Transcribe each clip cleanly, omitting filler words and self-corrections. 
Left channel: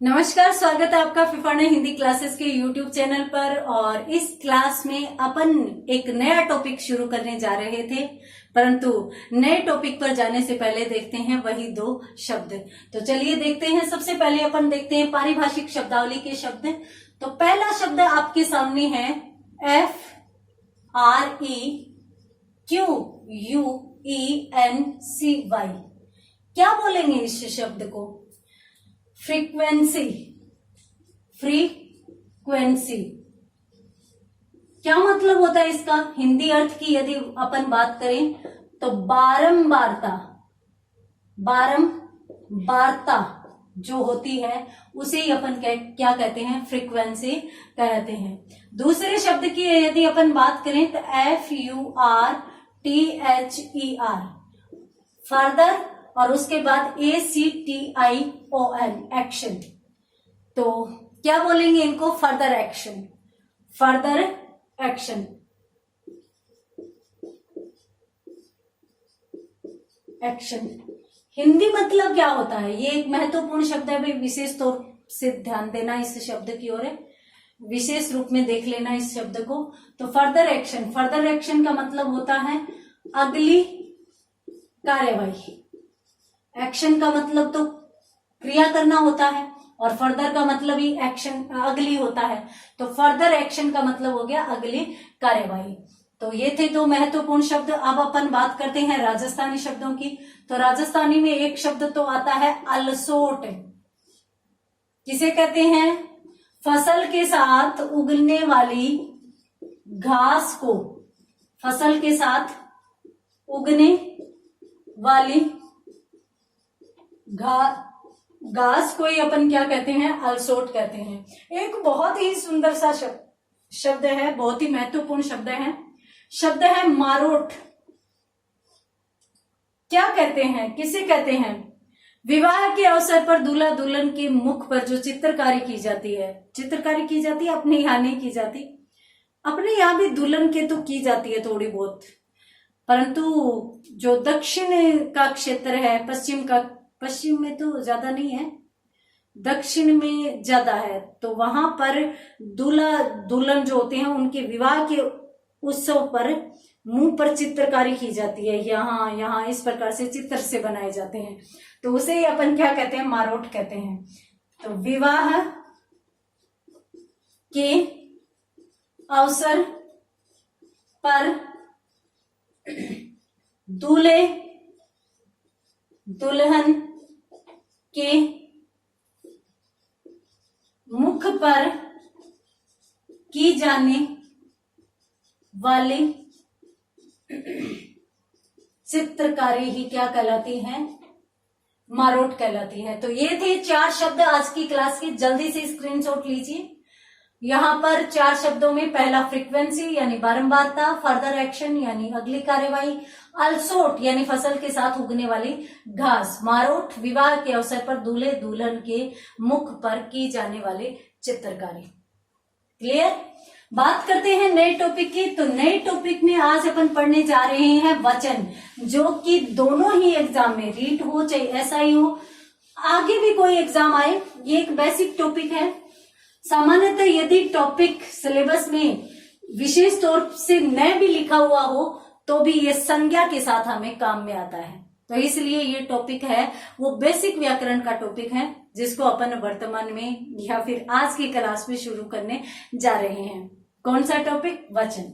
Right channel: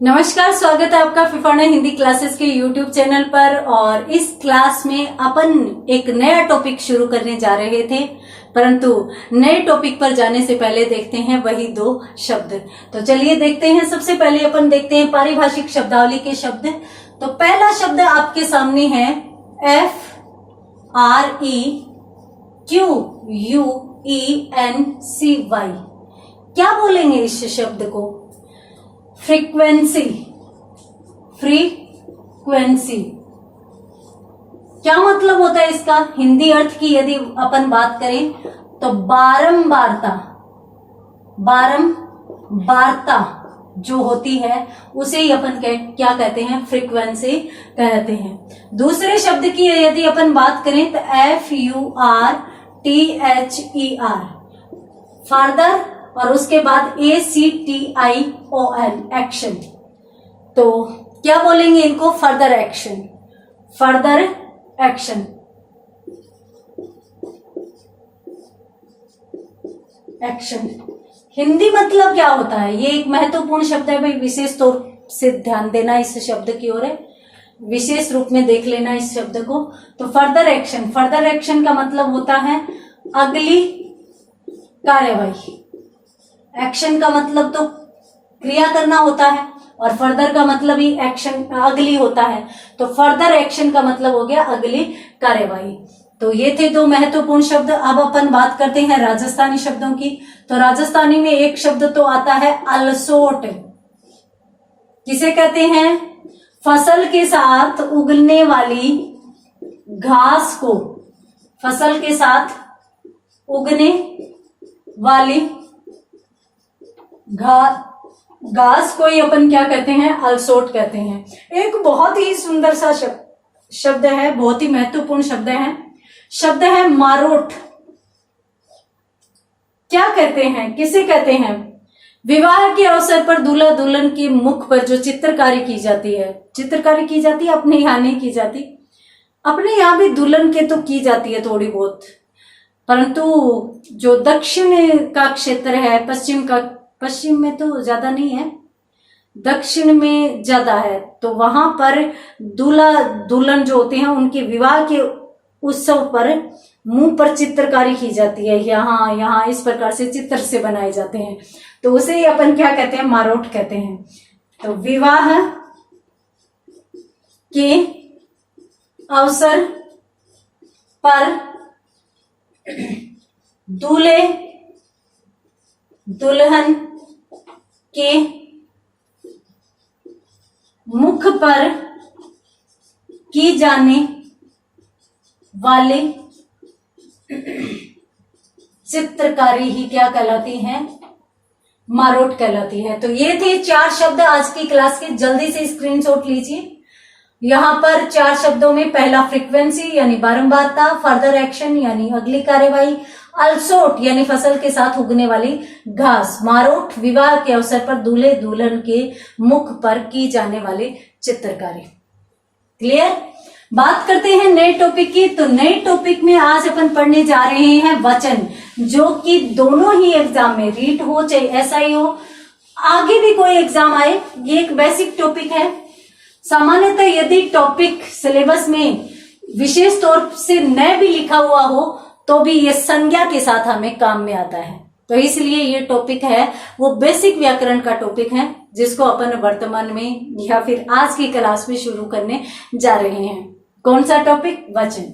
नमस्कार, स्वागत है आपका फिफाना हिंदी क्लासेस के यूट्यूब चैनल पर। और इस क्लास में अपन एक नया टॉपिक शुरू करने जा रहे थे, परंतु नए टॉपिक पर जाने से पहले देखते हैं वही दो शब्द। तो चलिए देखते हैं। सबसे पहले अपन देखते हैं पारिभाषिक शब्दावली के शब्द। तो पहला शब्द आपके सामने है FREQUENCY। क्या बोलेंगे इस शब्द को? फ्रीक्वेंसी। फ्रीक्वेंसी क्या मतलब होता है इसका? हिंदी अर्थ की यदि अपन बात करें तो बारंबारता। बारंबारता जो होती है उसे ही अपन क्या कहते हैं? फ्रीक्वेंसी कहते हैं। दूसरे शब्द की यदि अपन बात करें तो FURTHER, फर्दर, और उसके बाद ACTION, एक्शन। तो क्या बोलेंगे इनको? Further action. Further action. Action Hindi मतलब क्या होता है? ये एक महत्वपूर्ण शब्द है भाई, विशेष तौर से ध्यान देना इस शब्द की ओर, विशेष रूप में देख लेना इस शब्द को। तो फर्दर एक्शन, फर्दर एक्शन का मतलब होता है अगली कार्यवाही। एक्शन का मतलब तो क्रिया करना होता है और फर्दर का मतलब ही एक्शन अगली होता है। तो फर्दर एक्शन का मतलब हो गया अगली कार्यवाही। तो ये थे दो महत्वपूर्ण शब्द। अब अपन बात करते हैं राजस्थानी शब्दों की। तो राजस्थानी में एक शब्द तो आता है अलसोट। किसे कहते हैं? फसल के साथ उगने वाली घास को, फसल के साथ उगने वाली घास को ही अपन क्या कहते हैं? अलसोट कहते हैं। एक बहुत ही सुंदर सा शब्द है, बहुत ही महत्वपूर्ण शब्द है। शब्द है मारोट। क्या कहते हैं? किसे कहते हैं? विवाह के अवसर पर दूल्हा दुल्हन के मुख पर जो चित्रकारी की जाती है, चित्रकारी की जाती है, अपने यहाँ नहीं की जाती। अपने यहाँ भी दुल्हन के तो की जाती है थोड़ी बहुत, परंतु जो दक्षिण का क्षेत्र है, पश्चिम में तो ज्यादा नहीं है, दक्षिण में ज्यादा है। तो वहां पर दूल्हा दुल्हन जो होते हैं उनके विवाह के उत्सव पर मुंह पर चित्रकारी की जाती है। यहाँ इस प्रकार से चित्र से बनाए जाते हैं। तो उसे ही अपन क्या कहते हैं? मारोट कहते हैं। तो विवाह के अवसर पर दूल्हे दुल्हन के मुख पर की जाने वाली चित्रकारी ही क्या कहलाती है? मारोट कहलाती है। तो ये थे 4 शब्द आज की क्लास के। जल्दी से स्क्रीनशॉट लीजिए। यहाँ पर 4 शब्दों में पहला फ्रीक्वेंसी यानी बारंबारता, फर्दर एक्शन यानी अगली कार्यवाही, अलसोट यानी फसल के साथ उगने वाली घास, मारोट विवाह के अवसर पर दूल्हे दुल्हन के मुख पर की जाने वाली चित्रकारी। क्लियर? बात करते हैं नए टॉपिक की। तो नए टॉपिक में आज अपन पढ़ने जा रहे हैं वचन, जो कि दोनों ही एग्जाम में, रीट हो चाहे SI हो, आगे भी कोई एग्जाम आए, ये एक बेसिक टॉपिक है। सामान्यतः यदि टॉपिक सिलेबस में विशेष तौर से न भी लिखा हुआ हो तो भी ये संज्ञा के साथ हमें काम में आता है। तो इसलिए ये टॉपिक है वो बेसिक व्याकरण का टॉपिक है, जिसको अपन वर्तमान में या फिर आज की क्लास में शुरू करने जा रहे हैं। कौन सा टॉपिक? वचन।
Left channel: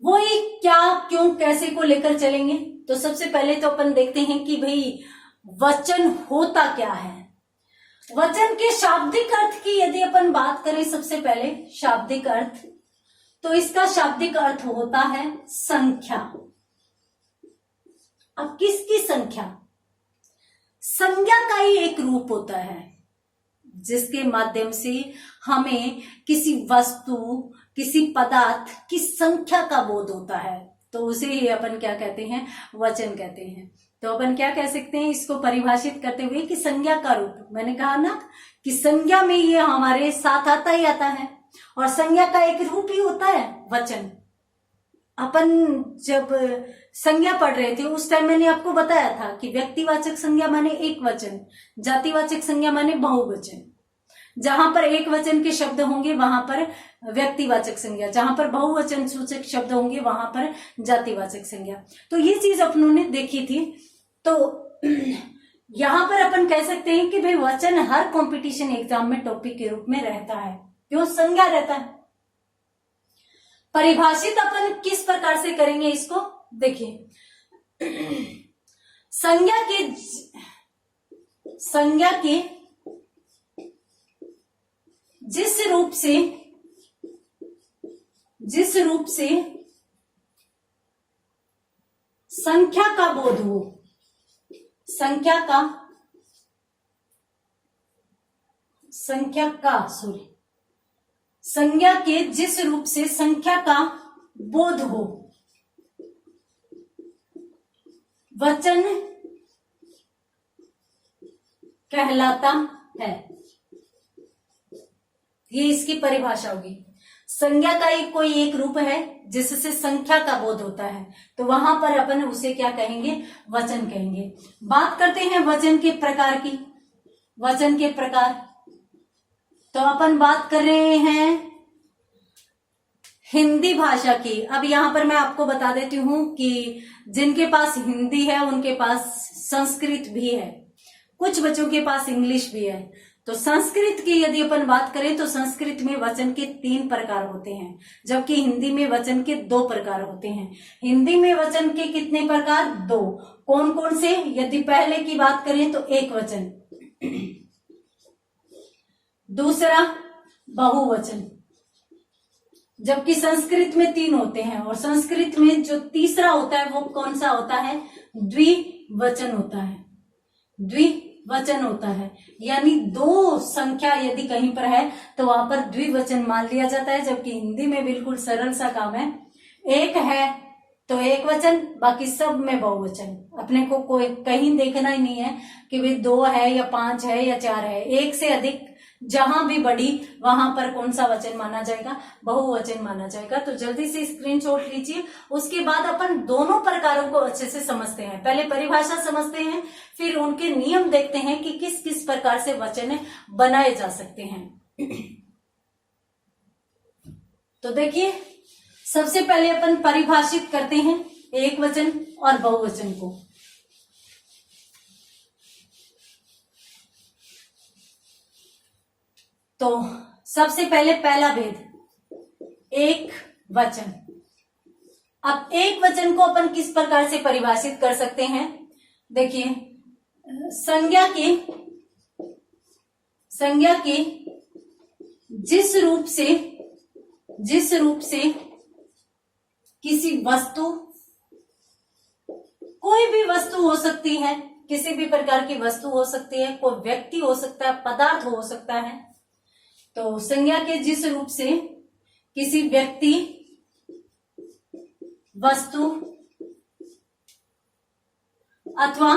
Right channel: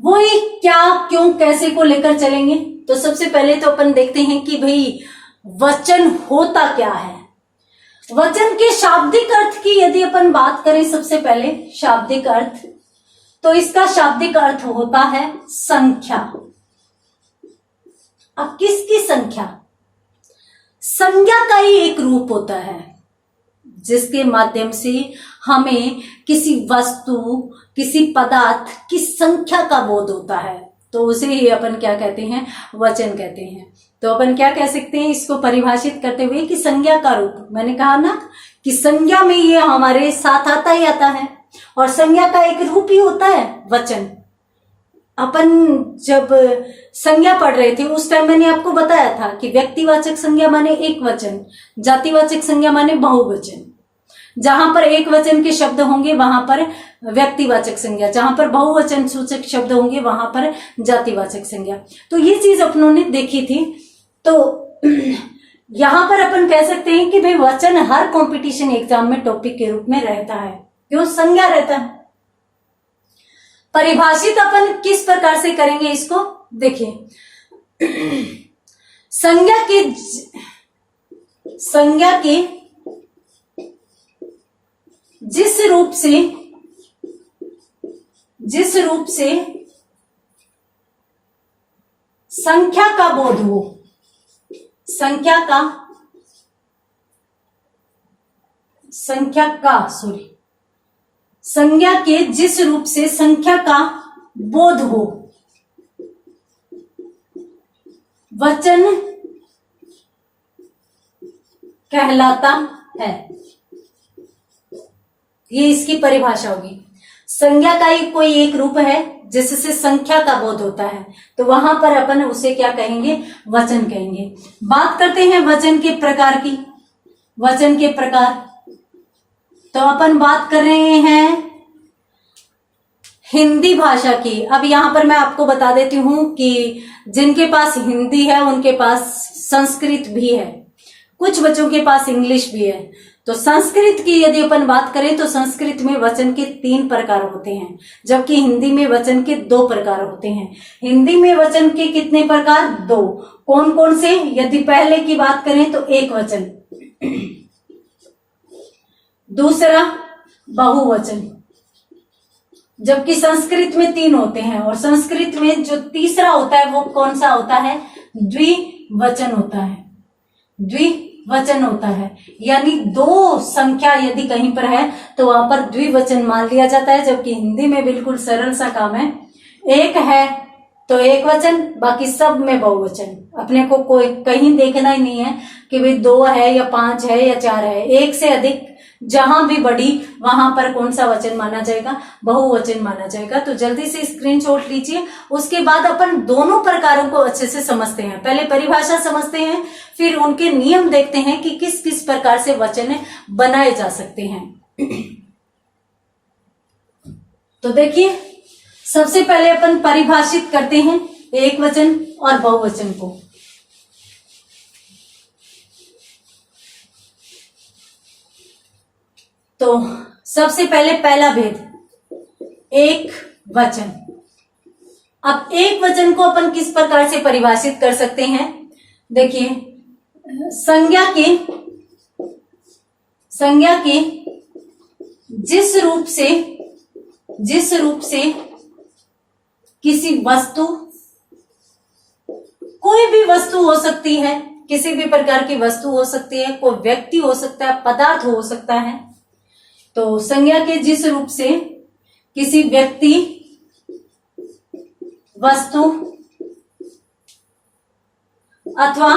वही क्या, क्यों, कैसे को लेकर चलेंगे। तो सबसे पहले तो अपन देखते हैं कि भाई वचन होता क्या है। वचन के शाब्दिक अर्थ की यदि अपन बात करें, सबसे पहले शाब्दिक अर्थ, तो इसका शाब्दिक अर्थ होता है संख्या। अब किसकी संख्या? संज्ञा का ही एक रूप होता है जिसके माध्यम से हमें किसी वस्तु, किसी पदार्थ की संख्या का बोध होता है। तो उसे ही अपन क्या कहते हैं? वचन कहते हैं। तो अपन क्या कह सकते हैं इसको परिभाषित करते हुए कि संज्ञा का रूप। मैंने कहा ना कि संज्ञा में ये हमारे साथ आता ही आता है, और संज्ञा का एक रूप ही होता है वचन। अपन जब संज्ञा पढ़ रहे थे उस टाइम मैंने आपको बताया था कि व्यक्तिवाचक संज्ञा माने एक वचन, जातिवाचक संज्ञा माने बहुवचन। जहां पर एक वचन के शब्द होंगे वहां पर व्यक्तिवाचक संज्ञा, जहां पर बहुवचन सूचक शब्द होंगे वहां पर जातिवाचक संज्ञा। तो ये चीज अपनों ने देखी थी। तो यहां पर अपन कह सकते हैं कि भाई वचन हर कंपटीशन एग्जाम में टॉपिक के रूप में रहता है। क्यों? संज्ञा रहता है। परिभाषित अपन किस प्रकार से करेंगे इसको देखिए। संज्ञा के जिस रूप से संख्या का बोध हो, संज्ञा के जिस रूप से संख्या का बोध हो वचन कहलाता है। ये इसकी परिभाषा होगी। संज्ञा का ही कोई एक रूप है जिससे संख्या का बोध होता है, तो वहां पर अपन उसे क्या कहेंगे? वचन कहेंगे। बात करते हैं वचन के प्रकार की। वचन के प्रकार तो अपन बात कर रहे हैं हिंदी भाषा की। अब यहां पर मैं आपको बता देती हूं कि जिनके पास हिंदी है उनके पास संस्कृत भी है, कुछ बच्चों के पास इंग्लिश भी है। तो संस्कृत की यदि अपन बात करें तो संस्कृत में वचन के 3 प्रकार होते हैं, जबकि हिंदी में वचन के 2 प्रकार होते हैं। हिंदी में वचन के कितने प्रकार? 2। कौन कौन से? यदि पहले की बात करें तो एक वचन, दूसरा बहुवचन, जबकि संस्कृत में 3 होते हैं। और संस्कृत में जो तीसरा होता है वो कौन सा होता है? द्विवचन होता है। द्विवचन होता है, यानी 2 संख्या यदि कहीं पर है तो वहां पर द्विवचन मान लिया जाता है। जबकि हिंदी में बिल्कुल सरल सा काम है, एक है तो एक वचन, बाकी सब में बहुवचन। अपने को कोई कहीं देखना ही नहीं है कि भाई 2 है या 5 है या 4 है। एक से अधिक जहां भी बढ़ी वहां पर कौन सा वचन माना जाएगा? बहुवचन माना जाएगा। तो जल्दी से स्क्रीनशॉट लीजिए। उसके बाद अपन दोनों प्रकारों को अच्छे से समझते हैं। पहले परिभाषा समझते हैं, फिर उनके नियम देखते हैं कि किस किस प्रकार से वचन बनाए जा सकते हैं। तो देखिए, सबसे पहले अपन परिभाषित करते हैं एक वचन और बहुवचन को। तो सबसे पहले पहला भेद, एक वचन। अब एक वचन को अपन किस प्रकार से परिभाषित कर सकते हैं? देखिए, संज्ञा के जिस रूप से किसी वस्तु, कोई भी वस्तु हो सकती है, किसी भी प्रकार की वस्तु हो सकती है, कोई व्यक्ति हो सकता है, पदार्थ हो सकता है। तो संज्ञा के जिस रूप से किसी व्यक्ति, वस्तु अथवा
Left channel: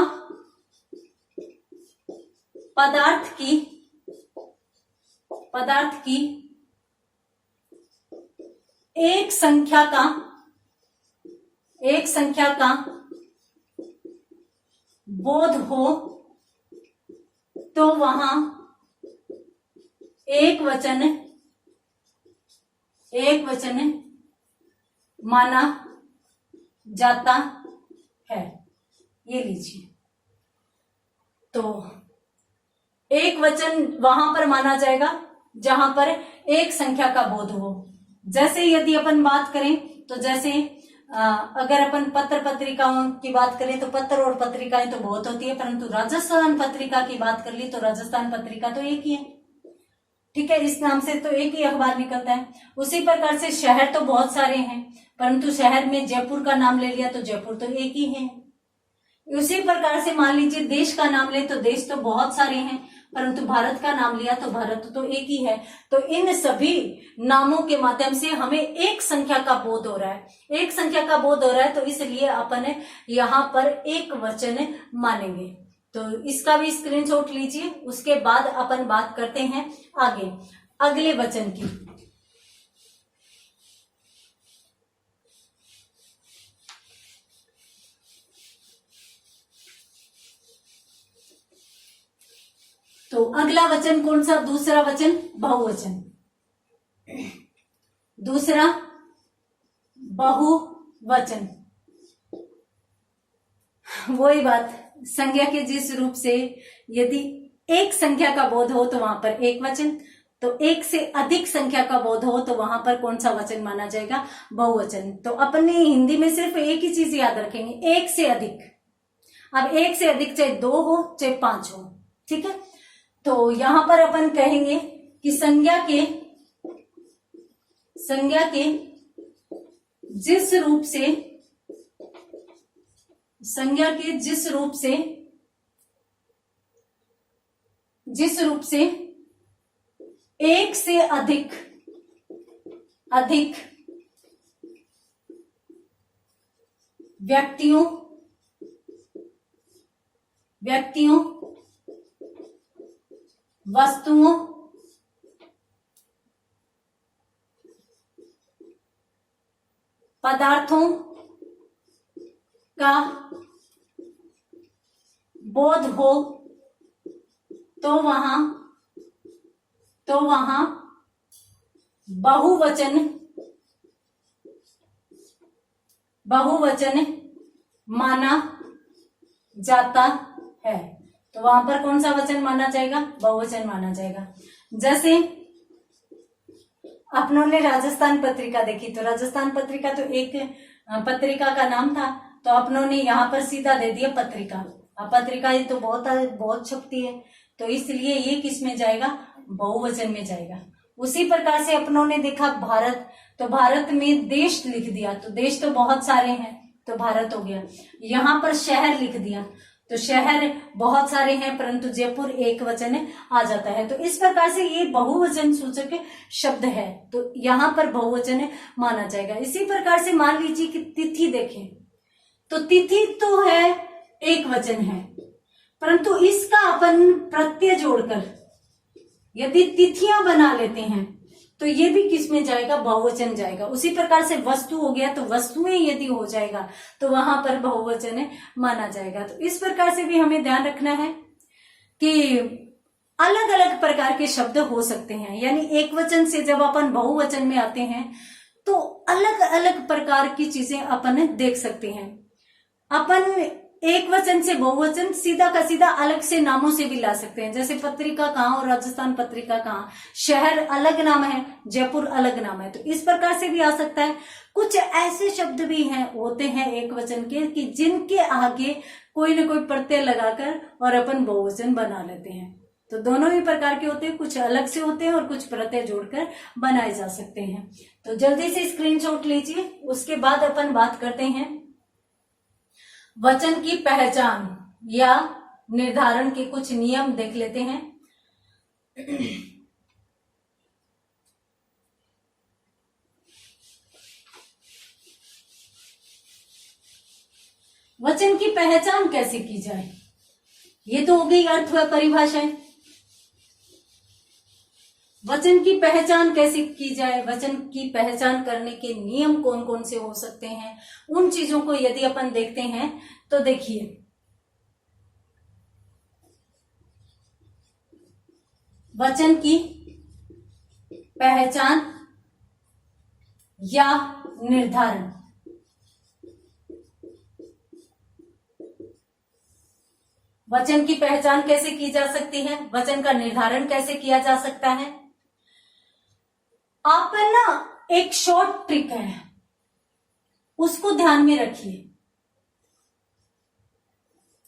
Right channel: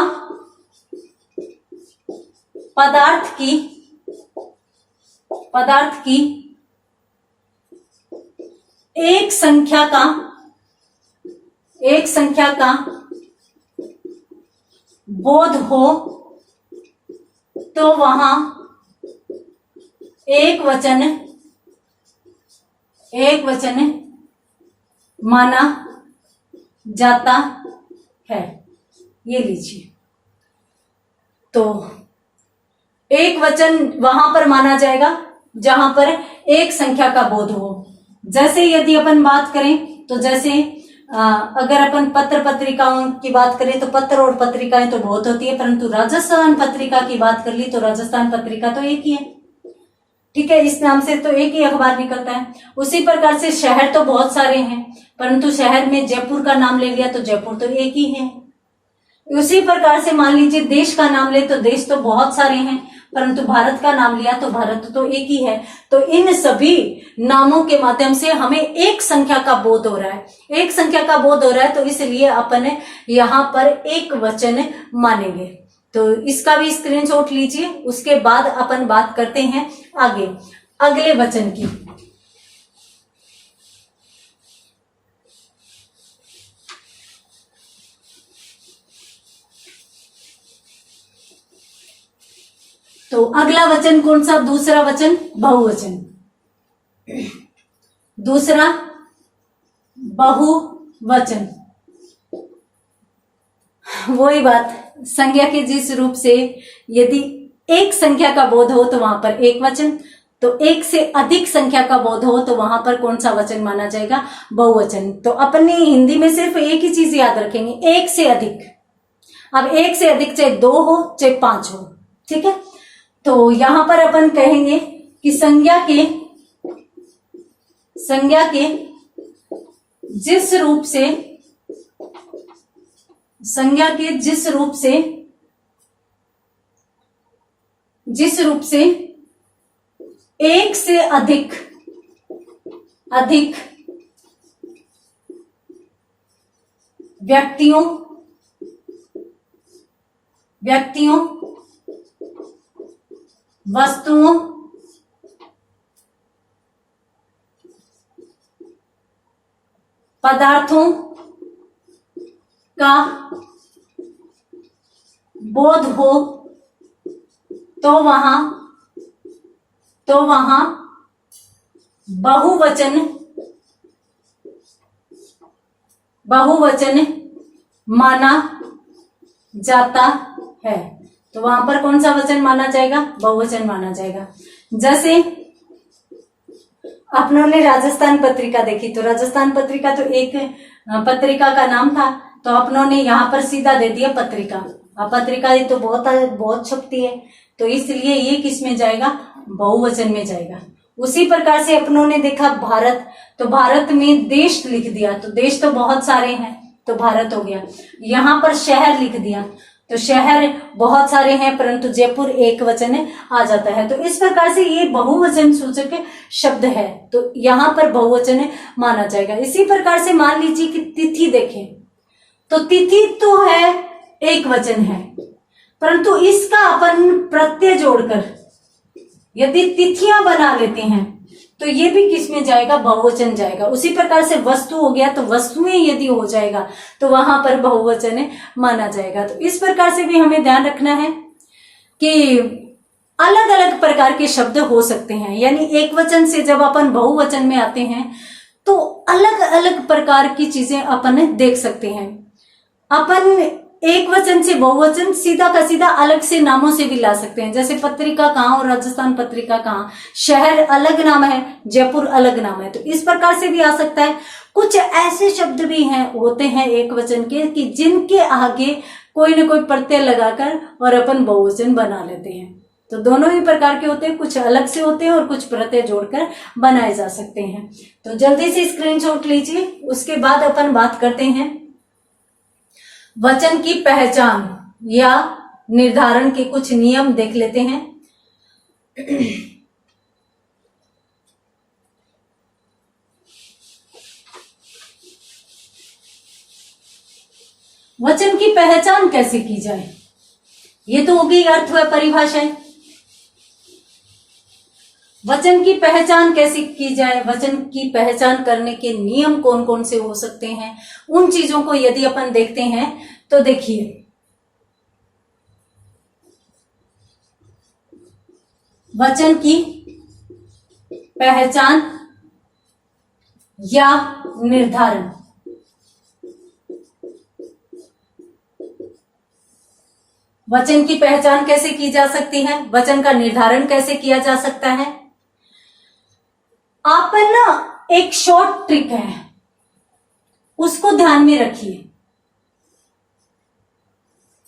पदार्थ की एक संख्या का बोध हो तो वहां एक वचन माना जाता है। ये लीजिए, तो एक वचन वहां पर माना जाएगा जहां पर एक संख्या का बोध हो। जैसे यदि अपन बात करें तो जैसे अगर अपन पत्र पत्रिकाओं की बात करें तो पत्र और पत्रिकाएं तो बहुत होती है, परंतु राजस्थान पत्रिका की बात कर ली तो राजस्थान पत्रिका तो एक ही है। ठीक है, इस नाम से तो एक ही अखबार निकलता है। उसी प्रकार से शहर तो बहुत सारे हैं, परंतु शहर में जयपुर का नाम ले लिया तो जयपुर तो एक ही है। उसी प्रकार से मान लीजिए देश का नाम ले तो देश तो बहुत सारे हैं, परंतु भारत का नाम लिया तो भारत तो एक ही है। तो इन सभी नामों के माध्यम से हमें एक संख्या का बोध हो रहा है, एक संख्या का बोध हो रहा है, तो इसलिए अपन यहाँ पर एक वचन मानेंगे। तो इसका भी स्क्रीनशॉट लीजिए। उसके बाद अपन बात करते हैं आगे अगले वचन की। तो अगला वचन कौन सा? दूसरा वचन बहुवचन, दूसरा बहुवचन। वही बात, संज्ञा के जिस रूप से यदि एक संख्या का बोध हो तो वहां पर एक वचन, तो एक से अधिक संख्या का बोध हो तो वहां पर कौन सा वचन माना जाएगा? बहुवचन। तो अपनी हिंदी में सिर्फ एक ही चीज याद रखेंगे, एक से अधिक। अब एक से अधिक चाहे 2 हो चाहे 5 हो, ठीक है। तो यहां पर अपन कहेंगे कि संज्ञा के जिस रूप से, संज्ञा के जिस रूप से एक से अधिक व्यक्तियों, वस्तुओं, पदार्थों का बोध हो तो वहां बहुवचन माना जाता है। तो वहां पर कौन सा वचन माना जाएगा? बहुवचन माना जाएगा। जैसे अपनों ने राजस्थान पत्रिका देखी, तो राजस्थान पत्रिका तो एक पत्रिका का नाम था, तो अपनों ने यहाँ पर सीधा दे दिया पत्रिका। अब पत्रिका ये तो बहुत छपती है, तो इसलिए ये किस में जाएगा? बहुवचन में जाएगा। उसी प्रकार से अपनों ने देखा भारत, तो भारत में देश लिख दिया, तो देश तो बहुत सारे हैं तो भारत हो गया। यहाँ पर शहर लिख दिया, तो शहर बहुत सारे हैं परंतु जयपुर एक वचन आ जाता है। तो इस प्रकार से ये बहुवचन सूचक शब्द है, तो यहाँ पर बहुवचन माना जाएगा। इसी प्रकार से मान लीजिए कि तिथि देखें, तो तिथि तो है एक वचन है, परंतु इसका अपन प्रत्यय जोड़कर यदि तिथियां बना लेते हैं तो ये भी किस में जाएगा? बहुवचन जाएगा। उसी प्रकार से वस्तु हो गया, तो वस्तुएं यदि हो जाएगा तो वहां पर बहुवचन माना जाएगा। तो इस प्रकार से भी हमें ध्यान रखना है कि अलग अलग प्रकार के शब्द हो सकते हैं, यानी एक वचन से जब अपन बहुवचन में आते हैं तो अलग अलग प्रकार की चीजें अपन देख सकते हैं। अपन एक वचन से बहुवचन सीधा का सीधा अलग से नामों से भी ला सकते हैं। जैसे पत्रिका कहाँ और राजस्थान पत्रिका कहाँ, शहर अलग नाम है, जयपुर अलग नाम है, तो इस प्रकार से भी आ सकता है। कुछ ऐसे शब्द भी होते हैं एक वचन के कि जिनके आगे कोई ना कोई प्रत्यय लगाकर और अपन बहुवचन बना लेते हैं। तो दोनों ही प्रकार के होते हैं, कुछ अलग से होते हैं और कुछ प्रत्यय जोड़कर बनाए जा सकते हैं। तो जल्दी से स्क्रीनशॉट लीजिए, उसके बाद अपन बात करते हैं वचन की पहचान या निर्धारण के कुछ नियम देख लेते हैं। वचन की पहचान कैसे की जाए, ये तो हो गई अर्थ व परिभाषाएं। वचन की पहचान कैसे की जाए, वचन की पहचान करने के नियम कौन कौन से हो सकते हैं, उन चीजों को यदि अपन देखते हैं तो देखिए, वचन की पहचान या निर्धारण। वचन की पहचान कैसे की जा सकती है, वचन का निर्धारण कैसे किया जा सकता है। आप ना एक शॉर्ट ट्रिक है, उसको ध्यान में रखिए।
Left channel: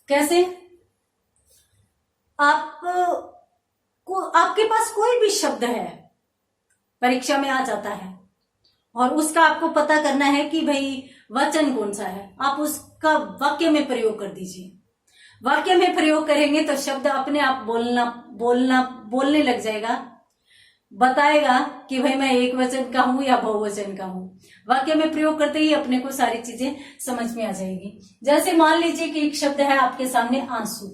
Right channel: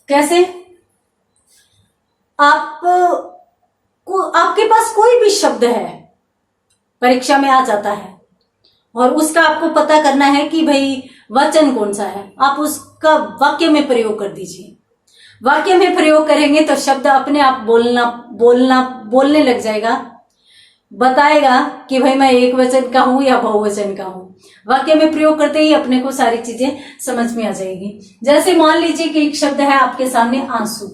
कैसे? आपके पास कोई भी शब्द है, परीक्षा में आ जाता है और उसका आपको पता करना है कि भाई वचन कौन सा है, आप उसका वाक्य में प्रयोग कर दीजिए। वाक्य में प्रयोग करेंगे तो शब्द अपने आप बोलने लग जाएगा, बताएगा कि भाई मैं एक वचन का हूं या बहुवचन का हूं। वाक्य में प्रयोग करते ही अपने को सारी चीजें समझ में आ जाएगी। जैसे मान लीजिए कि एक शब्द है आपके सामने आंसू,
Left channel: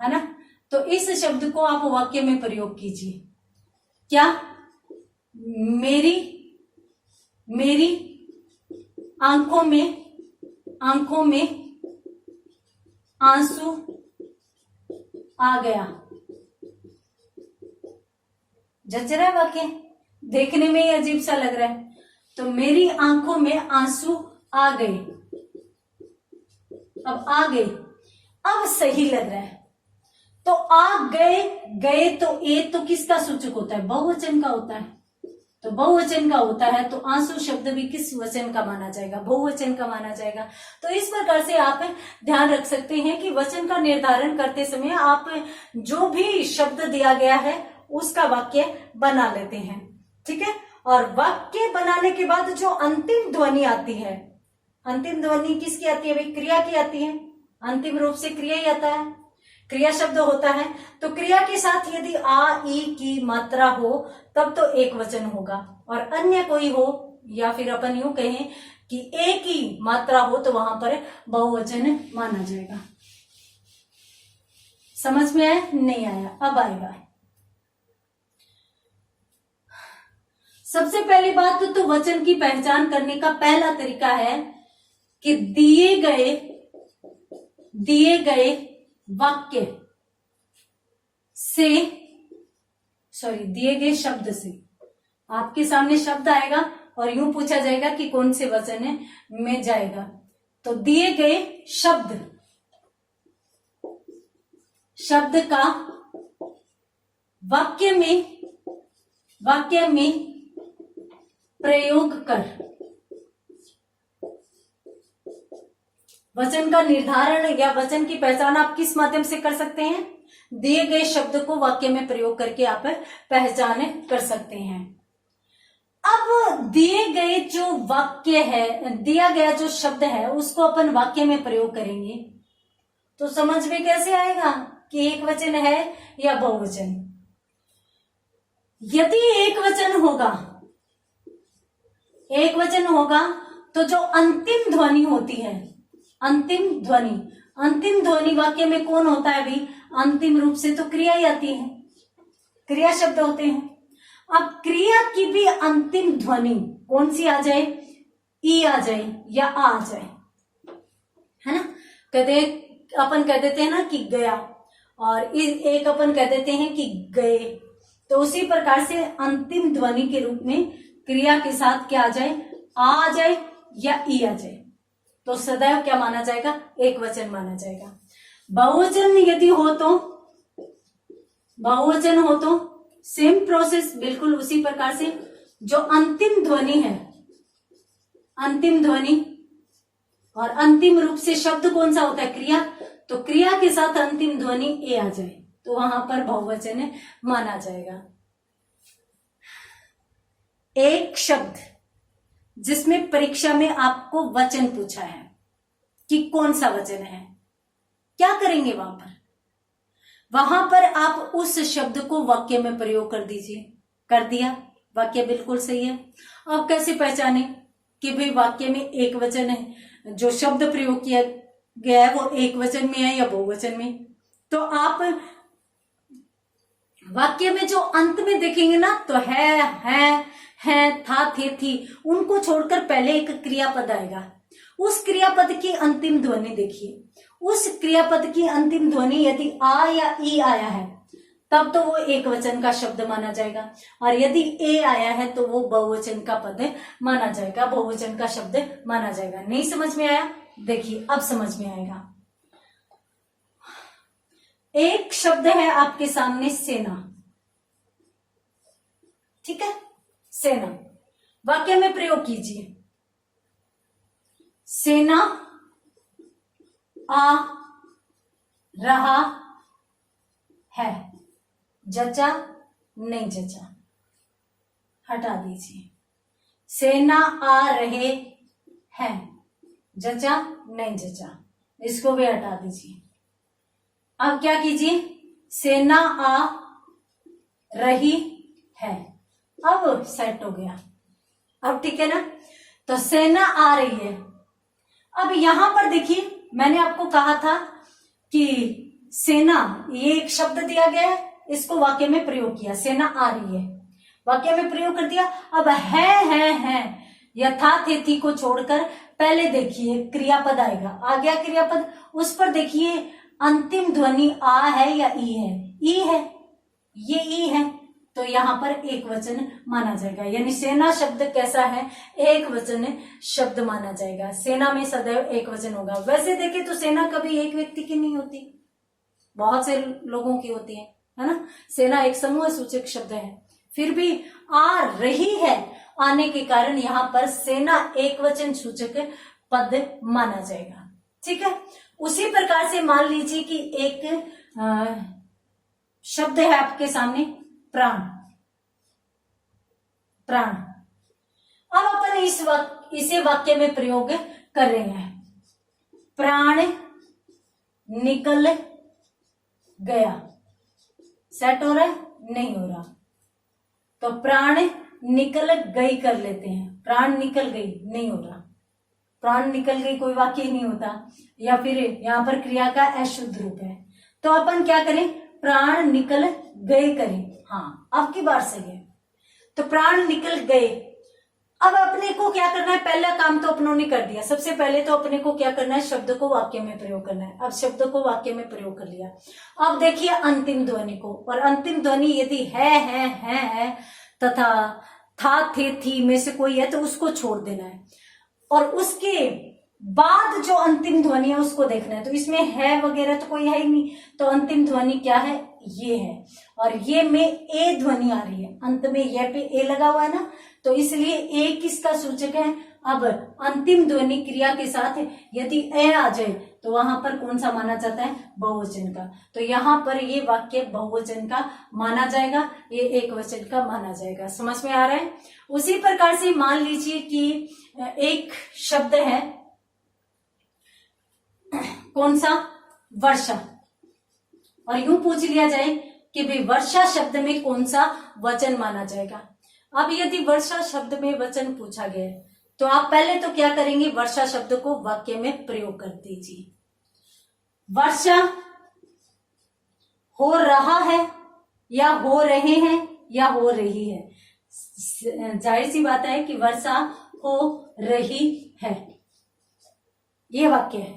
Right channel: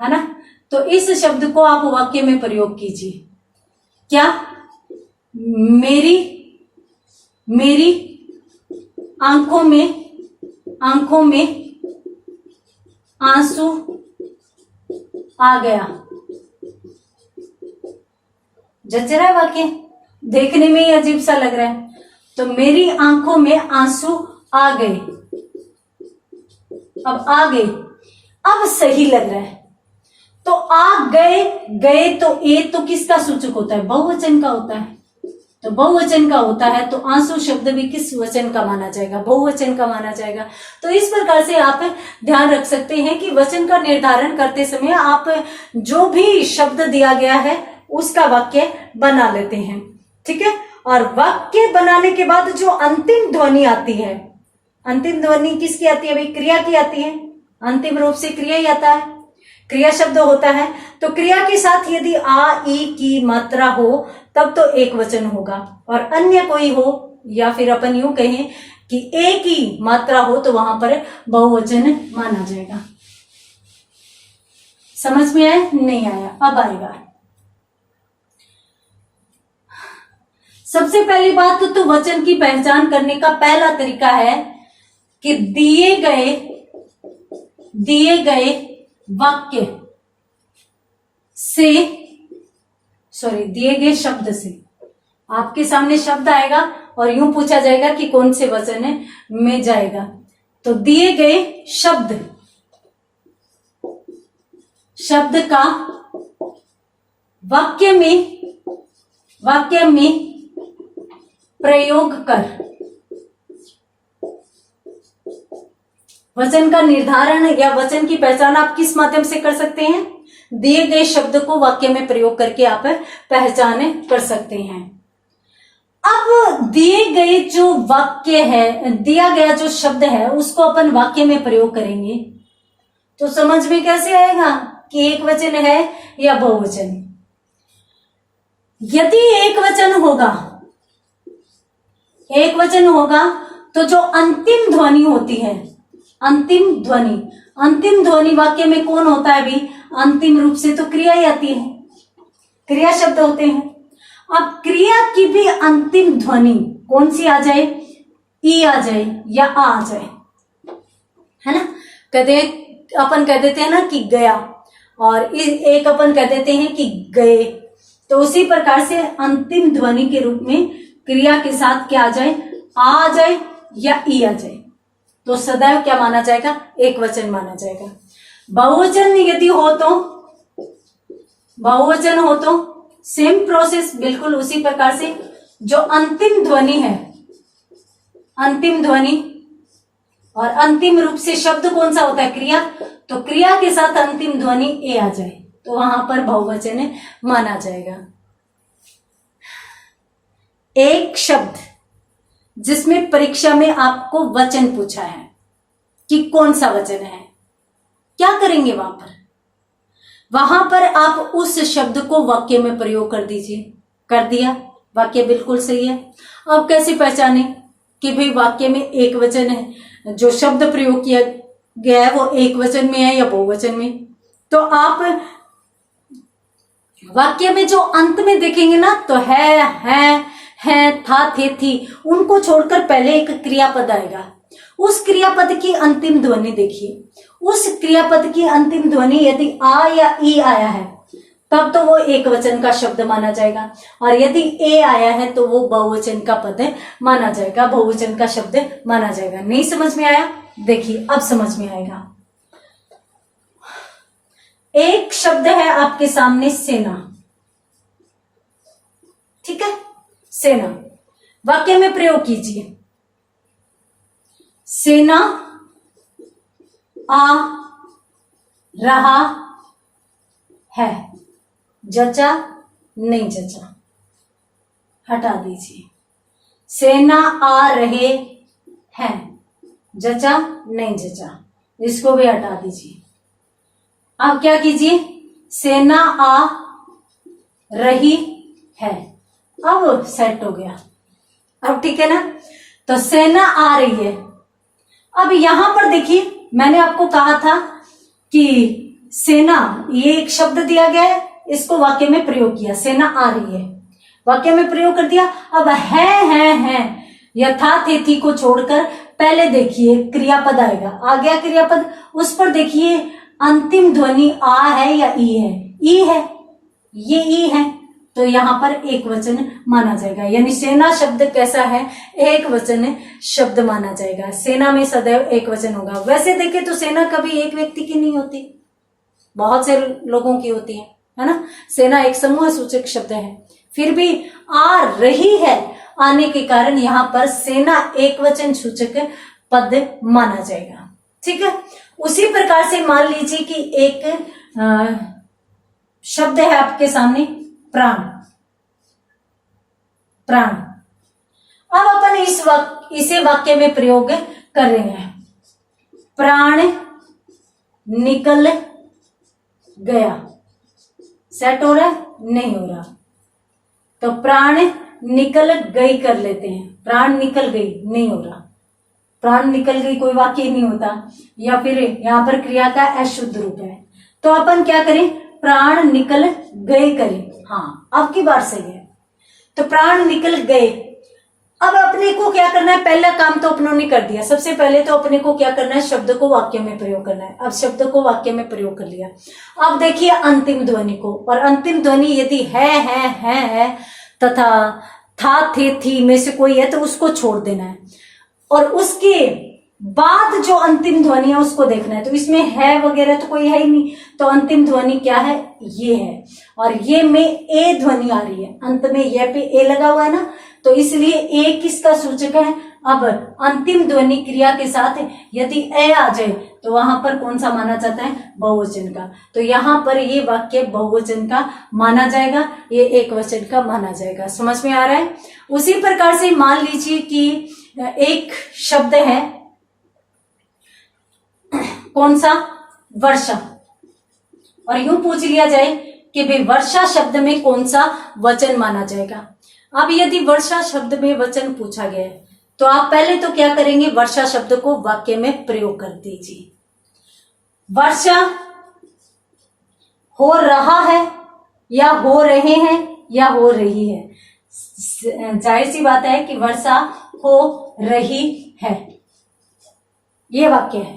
है ना, तो इस शब्द को आप वाक्य में प्रयोग कीजिए। क्या? मेरी आंखों में आंसू आ गया। जच रहा है वाक्य? देखने में ही अजीब सा लग रहा है। तो मेरी आंखों में आंसू आ गए। अब आ गए, अब सही लग रहा है। तो आ गए, गए तो ए तो किसका सूचक होता है? बहुवचन का होता है। तो बहुवचन का होता है तो आंसू शब्द भी किस वचन का माना जाएगा? बहुवचन का माना जाएगा। तो इस प्रकार से आप ध्यान रख सकते हैं कि वचन का निर्धारण करते समय आप जो भी शब्द दिया गया है उसका वाक्य बना लेते हैं, ठीक है। और वाक्य बनाने के बाद जो अंतिम ध्वनि आती है, अंतिम ध्वनि किसकी आती है? भाई क्रिया की आती है। अंतिम रूप से क्रिया ही आता है, क्रिया शब्द होता है। तो क्रिया के साथ यदि आ ई की मात्रा हो तब तो एक वचन होगा, और अन्य कोई हो या फिर अपन यूं कहें कि ए की मात्रा हो तो वहां पर बहुवचन माना जाएगा। समझ में आया? नहीं आया? अब आएगा। सबसे पहली बात तो वचन की पहचान करने का पहला तरीका है कि दिए गए वाक्य से, दिए गए शब्द से, आपके सामने शब्द आएगा और यूं पूछा जाएगा कि कौन से वचन में जाएगा। तो दिए गए शब्द का वाक्य में प्रयोग कर वचन का निर्धारण या वचन की पहचान आप किस माध्यम से कर सकते हैं? दिए गए शब्द को वाक्य में प्रयोग करके आप पहचान कर सकते हैं। अब दिए गए जो वाक्य है, दिया गया जो शब्द है उसको अपन वाक्य में प्रयोग करेंगे तो समझ में कैसे आएगा कि एक वचन है या बहुवचन? यदि एक वचन होगा तो जो अंतिम ध्वनि होती है, अंतिम ध्वनि वाक्य में कौन होता है? भी अंतिम रूप से तो क्रिया ही आती है, क्रिया शब्द होते हैं। अब क्रिया की भी अंतिम ध्वनि कौन सी आ जाए? ई आ जाए या आ जाए, है ना। अपन कह देते हैं ना कि गया, और एक अपन कह देते हैं कि गए। तो उसी प्रकार से अंतिम ध्वनि के रूप में क्रिया के साथ क्या आ जाए? आ जाए या ई आ जाए तो सदैव क्या माना जाएगा? एक वचन माना जाएगा। बहुवचन यदि हो तो सेम प्रोसेस, बिल्कुल उसी प्रकार से। जो अंतिम ध्वनि है, अंतिम ध्वनि और अंतिम रूप से शब्द कौन सा होता है? क्रिया। तो क्रिया के साथ अंतिम ध्वनि ए आ जाए तो वहां पर बहुवचन माना जाएगा। एक शब्द जिसमें परीक्षा में आपको वचन पूछा है कि कौन सा वचन है, क्या करेंगे वहां पर आप उस शब्द को वाक्य में प्रयोग कर दीजिए। कर दिया, वाक्य बिल्कुल सही है। अब कैसे पहचाने कि भाई वाक्य में एक वचन है, जो शब्द प्रयोग किया गया है वो एक वचन में है या बहुवचन में? तो आप वाक्य में जो अंत में देखेंगे ना तो है, था, थे, थी, उनको छोड़कर पहले एक क्रियापद आएगा। उस क्रियापद की अंतिम ध्वनि देखिए। उस क्रियापद की अंतिम ध्वनि यदि आ या ई आया है तब तो वो एक वचन का शब्द माना जाएगा, और यदि ए आया है तो वो बहुवचन का पद माना जाएगा, बहुवचन का शब्द माना जाएगा। नहीं समझ में आया? देखिए अब समझ में आएगा। एक शब्द है आपके सामने सेना, ठीक है, सेना। वाक्य में प्रयोग कीजिए। सेना आ रहा है, जचा नहीं जचा, हटा दीजिए। सेना आ रहे हैं, जचा नहीं जचा, इसको भी हटा दीजिए। अब क्या कीजिए? सेना आ रही है, अब सेट हो गया। अब ठीक है ना। तो सेना आ रही है। अब यहां पर देखिए, मैंने आपको कहा था कि सेना, ये एक शब्द दिया गया है, इसको वाक्य में प्रयोग किया। सेना आ रही है, वाक्य में प्रयोग कर दिया। अब है यथा थे को छोड़कर पहले देखिए क्रियापद आएगा। आ गया क्रियापद, उस पर देखिए अंतिम ध्वनि आ है या ई है? ई है, ये ई है, तो यहां पर एक वचन माना जाएगा। यानी सेना शब्द कैसा है? एक वचन शब्द माना जाएगा। सेना में सदैव एक वचन होगा। वैसे देखें तो सेना कभी एक व्यक्ति की नहीं होती, बहुत से लोगों की होती है ना। सेना एक समूह सूचक शब्द है, फिर भी आ रही है आने के कारण यहां पर सेना एक वचन सूचक पद माना जाएगा। ठीक है। उसी प्रकार से मान लीजिए कि एक शब्द है आपके सामने, प्राण। प्राण। अब अपन इसे वाक्य में प्रयोग कर रहे हैं। प्राण निकल गया। सेट हो रहा है? नहीं हो रहा। तो प्राण निकल गई कर लेते हैं। प्राण निकल गई नहीं हो रहा। प्राण निकल गई कोई वाक्य ही नहीं होता, या फिर यहां पर क्रिया का अशुद्ध रूप है। तो अपन क्या करें? प्राण निकल गए करें। हाँ, अब की बार सही है। तो प्राण निकल गए। अब अपने को क्या करना है? पहला काम तो अपनों ने कर दिया। सबसे पहले तो अपने को क्या करना है? शब्द को वाक्य में प्रयोग करना है। अब शब्द को वाक्य में प्रयोग कर लिया। अब देखिए अंतिम ध्वनि को, और अंतिम ध्वनि यदि है तथा था, थे, थी में से कोई है तो उसको छोड़ देना है, और उसके बाद जो अंतिम ध्वनि है उसको देखना है। तो इसमें है वगैरह तो कोई है ही नहीं, तो अंतिम ध्वनि क्या है? ये है, और ये में ए ध्वनि आ रही है। अंत में ये पे ए लगा हुआ है ना, तो इसलिए ए किसका सूचक है? अब अंतिम ध्वनि क्रिया के साथ यदि ए आ जाए तो वहां पर कौन सा माना जाता है? बहुवचन का। तो यहां पर ये वाक्य बहुवचन का माना जाएगा, ये एक वचन का माना जाएगा। समझ में आ रहा है? उसी प्रकार से मान लीजिए कि एक शब्द है, कौन सा? वर्षा, और यूं पूछ लिया जाए कि भाई वर्षा शब्द में कौन सा वचन माना जाएगा। अब यदि वर्षा शब्द में वचन पूछा गया है तो आप पहले तो क्या करेंगे? वर्षा शब्द को वाक्य में प्रयोग कर दीजिए। वर्षा हो रहा है, या हो रहे हैं, या हो रही है। जाहिर सी बात है कि वर्षा हो रही है, ये वाक्य है।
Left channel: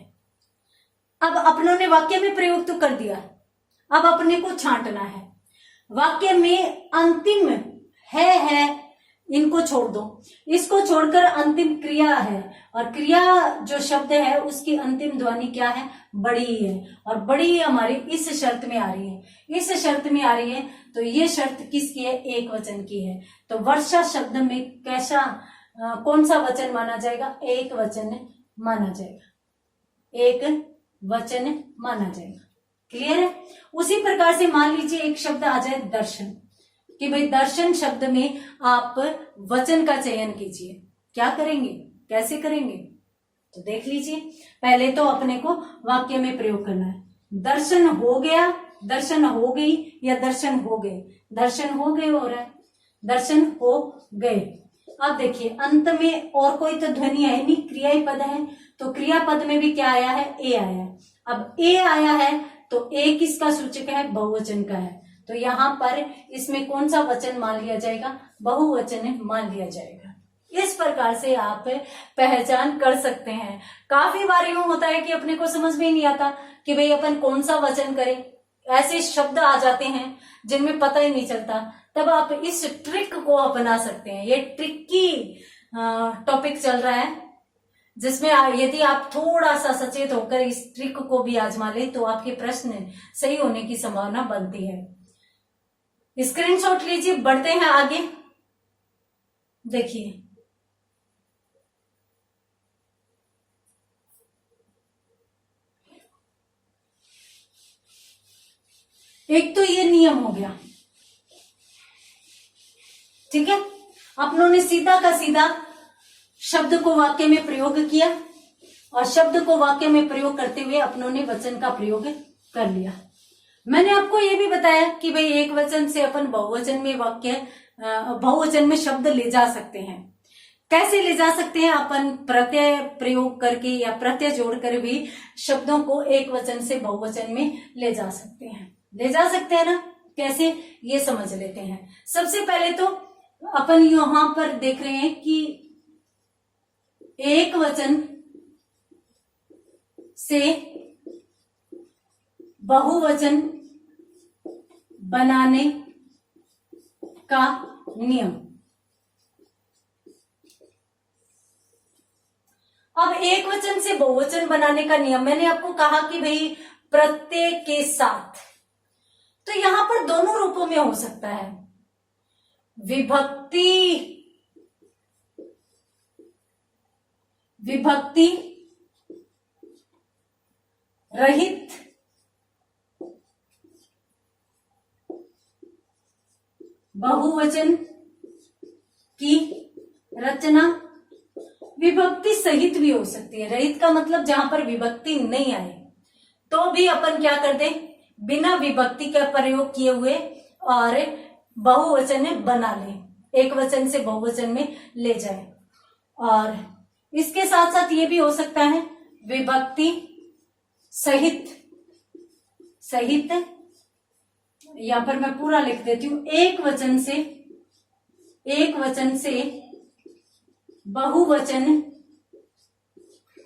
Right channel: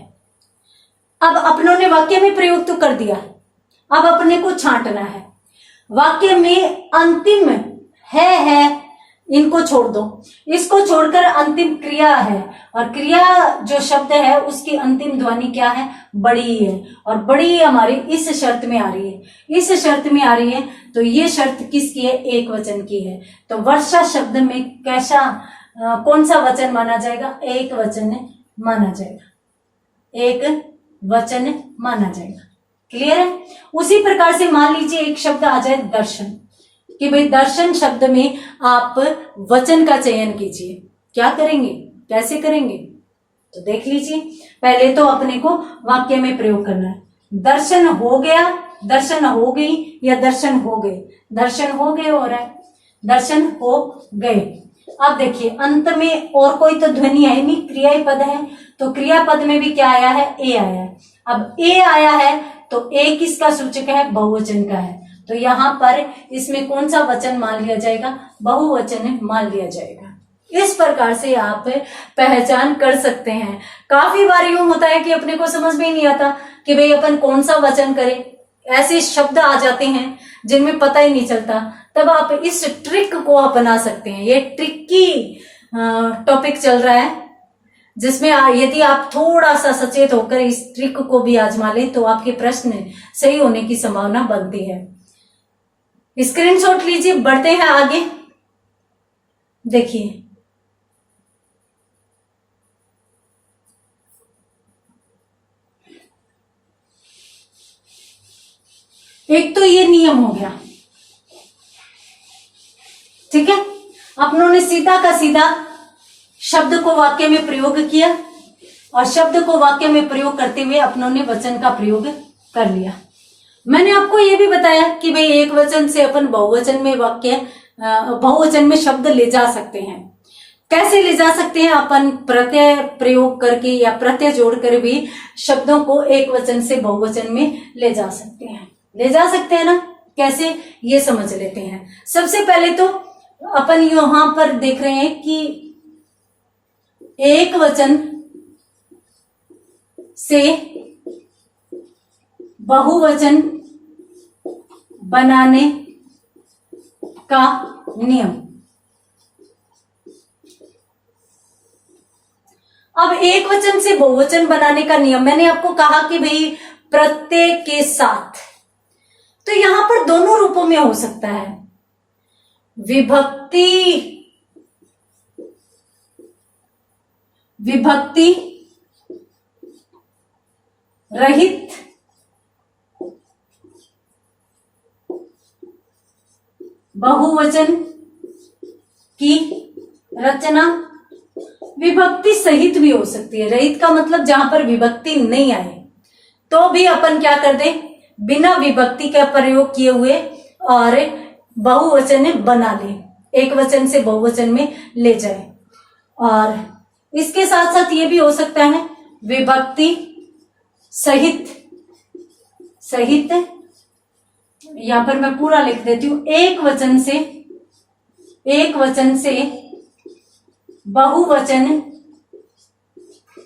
अब अपनों ने वाक्य में प्रयोग तो कर दिया, अब अपने को छांटना है। वाक्य में अंतिम है इनको छोड़ दो, इसको छोड़कर अंतिम क्रिया है, और क्रिया जो शब्द है उसकी अंतिम ध्वनि क्या है? बड़ी है, और बड़ी हमारी इस शर्त में आ रही है। इस शर्त में आ रही है तो ये शर्त किसकी है? एक वचन की है। तो वर्षा शब्द में कैसा कौन सा वचन माना जाएगा? एक वचन माना जाएगा। एक वचन माना जाएगा। क्लियर है? उसी प्रकार से मान लीजिए एक शब्द आ जाए दर्शन, कि भाई दर्शन शब्द में आप वचन का चयन कीजिए। क्या करेंगे? कैसे करेंगे? तो देख लीजिए। पहले तो अपने को वाक्य में प्रयोग करना है। दर्शन हो गया, दर्शन हो गई, या दर्शन हो गए। दर्शन हो गए हो रहा है, दर्शन हो गए। अब देखिए अंत में और कोई तो ध्वनि है नहीं, क्रियाई पद है, तो क्रियापद में भी क्या आया है? ए आया है। अब ए आया है तो ए किसका सूचक है? बहुवचन का है। तो यहां पर इसमें कौन सा वचन मान लिया जाएगा? बहुवचन मान लिया जाएगा। इस प्रकार से आप पहचान कर सकते हैं। काफी बार यूं होता है कि अपने को समझ में ही नहीं आता कि भाई अपन कौन सा वचन करें। ऐसे शब्द आ जाते हैं जिनमें पता ही नहीं चलता, तब आप इस ट्रिक को अपना सकते हैं। ये ट्रिकी टॉपिक चल रहा है, जिसमें यदि आप थोड़ा सा सचेत होकर इस ट्रिक को भी आजमा लें तो आपके प्रश्न सही होने की संभावना बनती है। स्क्रीनशॉट लीजिए, बढ़ते हैं आगे। देखिए एक तो ये नियम हो गया, ठीक है। अपनों ने सीधा का सीधा शब्द को वाक्य में प्रयोग किया, और शब्द को वाक्य में प्रयोग करते हुए अपनों ने वचन का प्रयोग कर लिया। मैंने आपको यह भी बताया कि भाई एक वचन से अपन बहुवचन में बहुवचन में शब्द ले जा सकते हैं। कैसे ले जा सकते हैं? अपन प्रत्यय प्रयोग करके या प्रत्यय जोड़कर भी शब्दों को एक वचन से बहुवचन में ले जा सकते हैं। ले जा सकते हैं ना? कैसे, ये समझ लेते हैं। सबसे पहले तो अपन यहां पर देख रहे हैं कि एक वचन से बहुवचन बनाने का नियम। अब एक वचन से बहुवचन बनाने का नियम, मैंने आपको कहा कि भाई प्रत्यय के साथ, तो यहां पर दोनों रूपों में हो सकता है। विभक्ति रहित बहुवचन की रचना। विभक्ति सहित भी हो सकती है। रहित का मतलब जहां पर विभक्ति नहीं आए तो भी अपन क्या कर दें, बिना विभक्ति का प्रयोग किए हुए और बहुवचन बना ले, एक वचन से बहुवचन में ले जाए। और इसके साथ साथ ये भी हो सकता है विभक्ति सहित यहां पर मैं पूरा लिख देती हूं, एक वचन से बहुवचन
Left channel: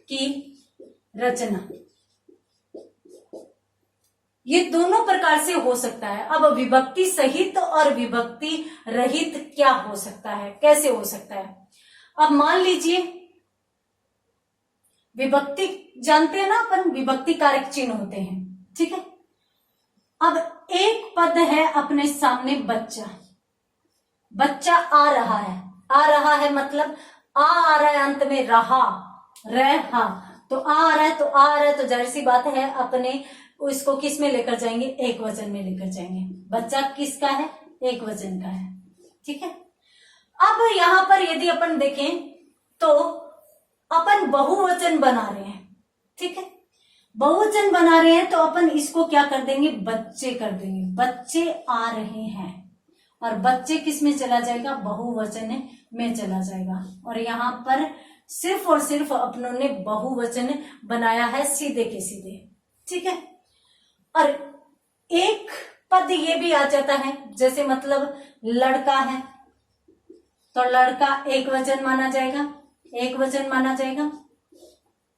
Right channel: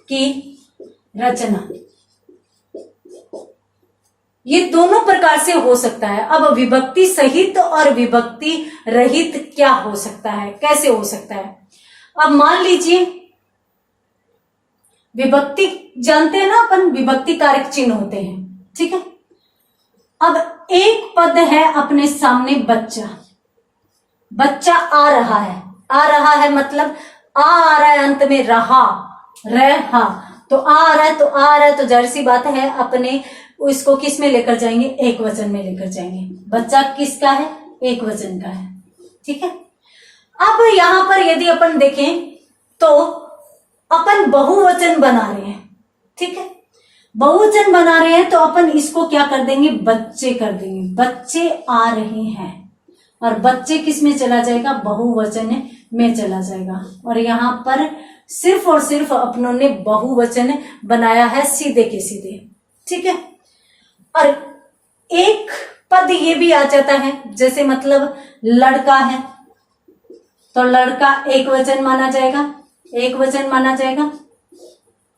की रचना। ये दोनों प्रकार से हो सकता है। अब विभक्ति सहित और विभक्ति रहित क्या हो सकता है, कैसे हो सकता है? अब मान लीजिए विभक्ति जानते हैं ना अपन, विभक्ति कारक चिन्ह होते हैं, ठीक है। अब एक पद है अपने सामने, बच्चा आ रहा है मतलब आ रहा है, अंत में रहा, तो आ रहा है तो जाहिर सी बात है अपने उसको किस में लेकर जाएंगे, एक वचन में लेकर जाएंगे। बच्चा किसका है, एक वचन का है, ठीक है। अब यहां पर यदि अपन देखें तो अपन बहुवचन बना रहे हैं, ठीक है। बहुवचन बना रहे हैं तो अपन इसको क्या कर देंगे, बच्चे कर देंगे। बच्चे आ रहे हैं और बच्चे किस में चला जाएगा, बहुवचन में चला जाएगा। और यहां पर सिर्फ और सिर्फ अपनों ने बहुवचन बनाया है, सीधे के सीधे, ठीक है। और एक पद ये भी आ जाता है, जैसे मतलब लड़का है तो लड़का एक वचन माना जाएगा,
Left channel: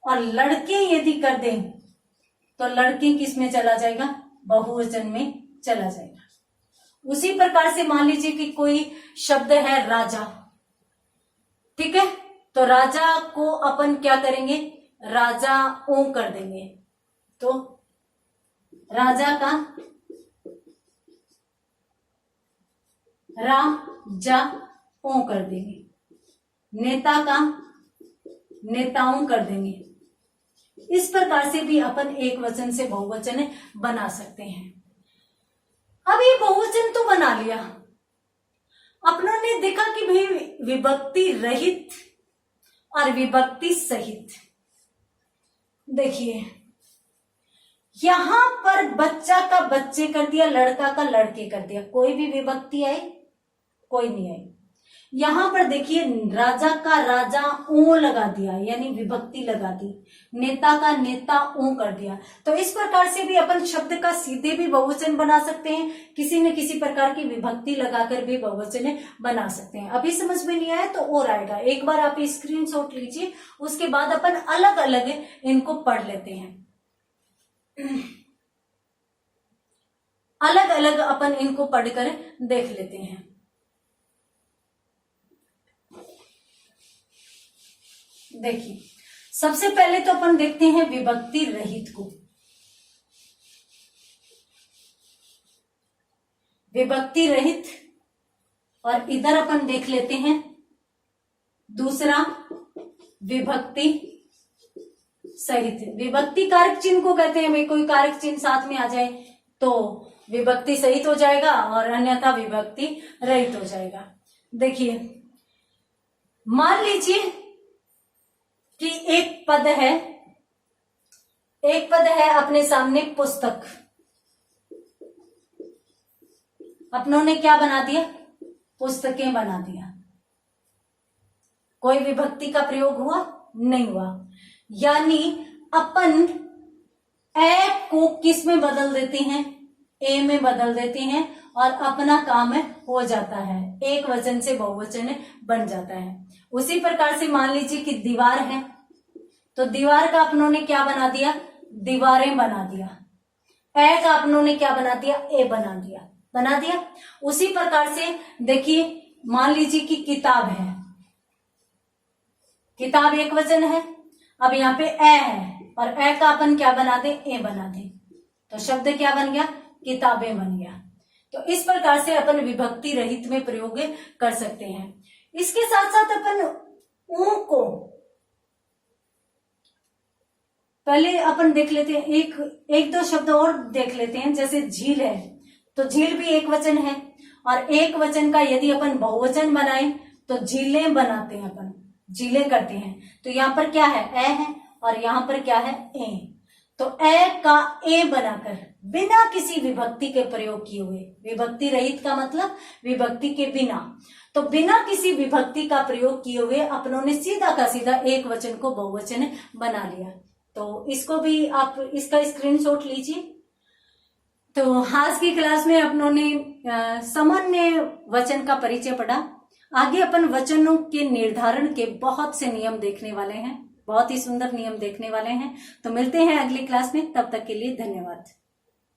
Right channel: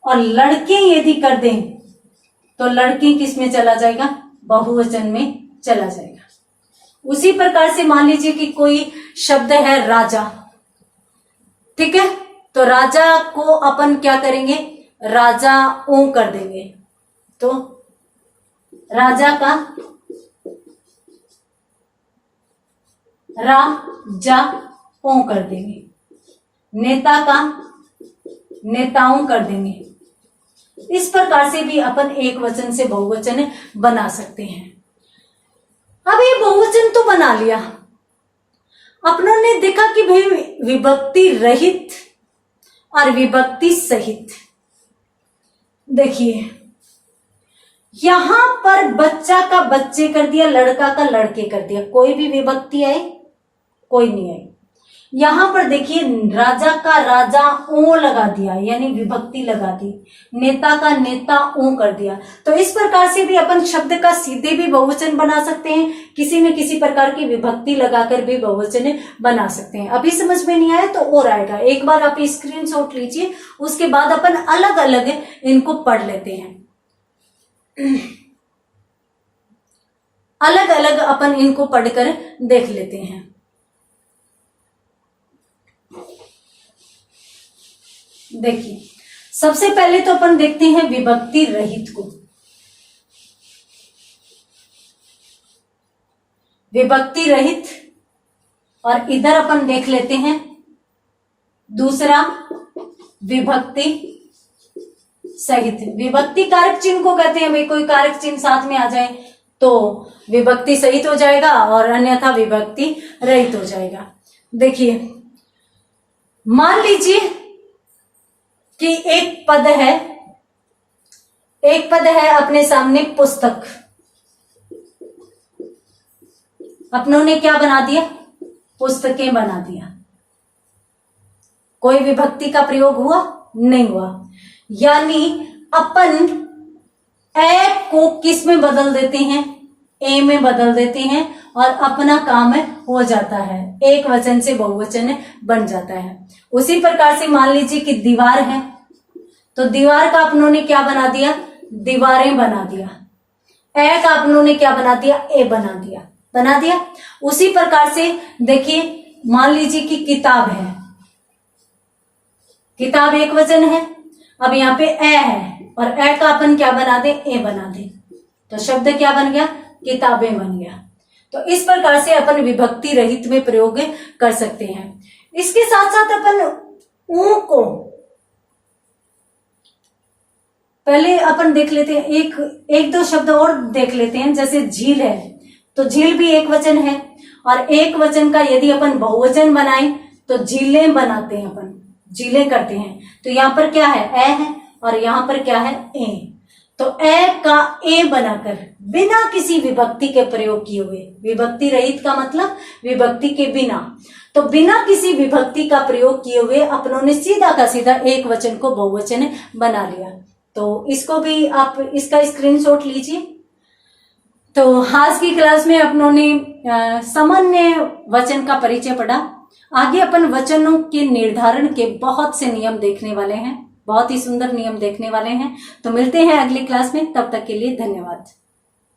और लड़के यदि कर दें तो लड़के किस में चला जाएगा, बहुवचन में चला जाएगा। उसी प्रकार से मान लीजिए कि कोई शब्द है राजा, ठीक है, तो राजा को अपन क्या करेंगे, राजा ओ कर देंगे, तो राजा का राजा ओ कर देंगे, नेता का नेताओं कर देंगे। इस प्रकार से भी अपन एक वचन से बहुवचन बना सकते हैं। अब ये बहुवचन तो बना लिया, अपनों ने देखा कि भाई विभक्ति रहित और विभक्ति सहित। देखिए यहां पर बच्चा का बच्चे कर दिया, लड़का का लड़के कर दिया, कोई भी विभक्ति आई, कोई नहीं आई। यहां पर देखिए राजा का राजा ओ लगा दिया, यानी विभक्ति लगा दी, नेता का नेता ओ कर दिया। तो इस प्रकार से भी अपन शब्द का सीधे भी बहुवचन बना सकते हैं, किसी न किसी प्रकार की विभक्ति लगाकर भी बहुवचन बना सकते हैं। अभी समझ में नहीं आया तो और आएगा, एक बार आप स्क्रीनशॉट लीजिए, उसके बाद अपन अलग अलग इनको पढ़ लेते हैं, अलग अलग अपन इनको पढ़कर देख लेते हैं। देखिए सबसे पहले तो अपन देखते हैं विभक्ति रहित को। विभक्ति रहित, और इधर अपन देख लेते हैं दूसरा विभक्ति सहित। विभक्ति कारक चिन्ह को कहते हैं, भाई कोई कारक चिन्ह साथ में आ जाए तो विभक्ति सहित हो जाएगा और अन्यथा विभक्ति रहित हो जाएगा। देखिए मान लीजिए कि एक पद है अपने सामने पुस्तक, अपनों ने क्या बना दिया, पुस्तकें बना दिया। कोई विभक्ति का प्रयोग हुआ नहीं हुआ, यानी अपन ए को किस में बदल देते हैं, ए में बदल देते हैं और अपना काम हो जाता है, एक वचन से बहुवचन बन जाता है। उसी प्रकार से मान लीजिए कि दीवार है, तो दीवार का अपनों ने क्या बना दिया, दीवारें बना दिया। ए का अपनों ने क्या बना दिया, ए बना दिया। उसी प्रकार से देखिए, मान लीजिए कि किताब है, किताब एक वचन है, अब यहाँ पे ए है और ए का अपन क्या बना दे, ए बना दे, तो शब्द क्या बन गया, किताबें बन गया। तो इस प्रकार से अपन विभक्ति रहित में प्रयोग कर सकते हैं। इसके साथ साथ अपन ऊ को पहले अपन देख लेते हैं, एक दो शब्द और देख लेते हैं। जैसे झील है, तो झील भी एक वचन है, और एक वचन का यदि अपन बहुवचन बनाए तो झीलें बनाते हैं, अपन झीलें करते हैं। तो यहाँ पर क्या है, ए है, और यहाँ पर क्या है, ए। तो ए का ए बनाकर बिना किसी विभक्ति के प्रयोग किए हुए, विभक्ति रहित का मतलब विभक्ति के बिना, तो बिना किसी विभक्ति का प्रयोग किए हुए अपनों ने सीधा का सीधा एक वचन को बहुवचन बना लिया। तो इसको भी आप इसका स्क्रीनशॉट लीजिए। तो आज की क्लास में अपनों ने सामान्य वचन का परिचय पढ़ा। आगे अपन वचनों के निर्धारण के बहुत से नियम देखने वाले हैं, बहुत ही सुंदर नियम देखने वाले हैं। तो मिलते हैं अगली क्लास में, तब तक के लिए धन्यवाद।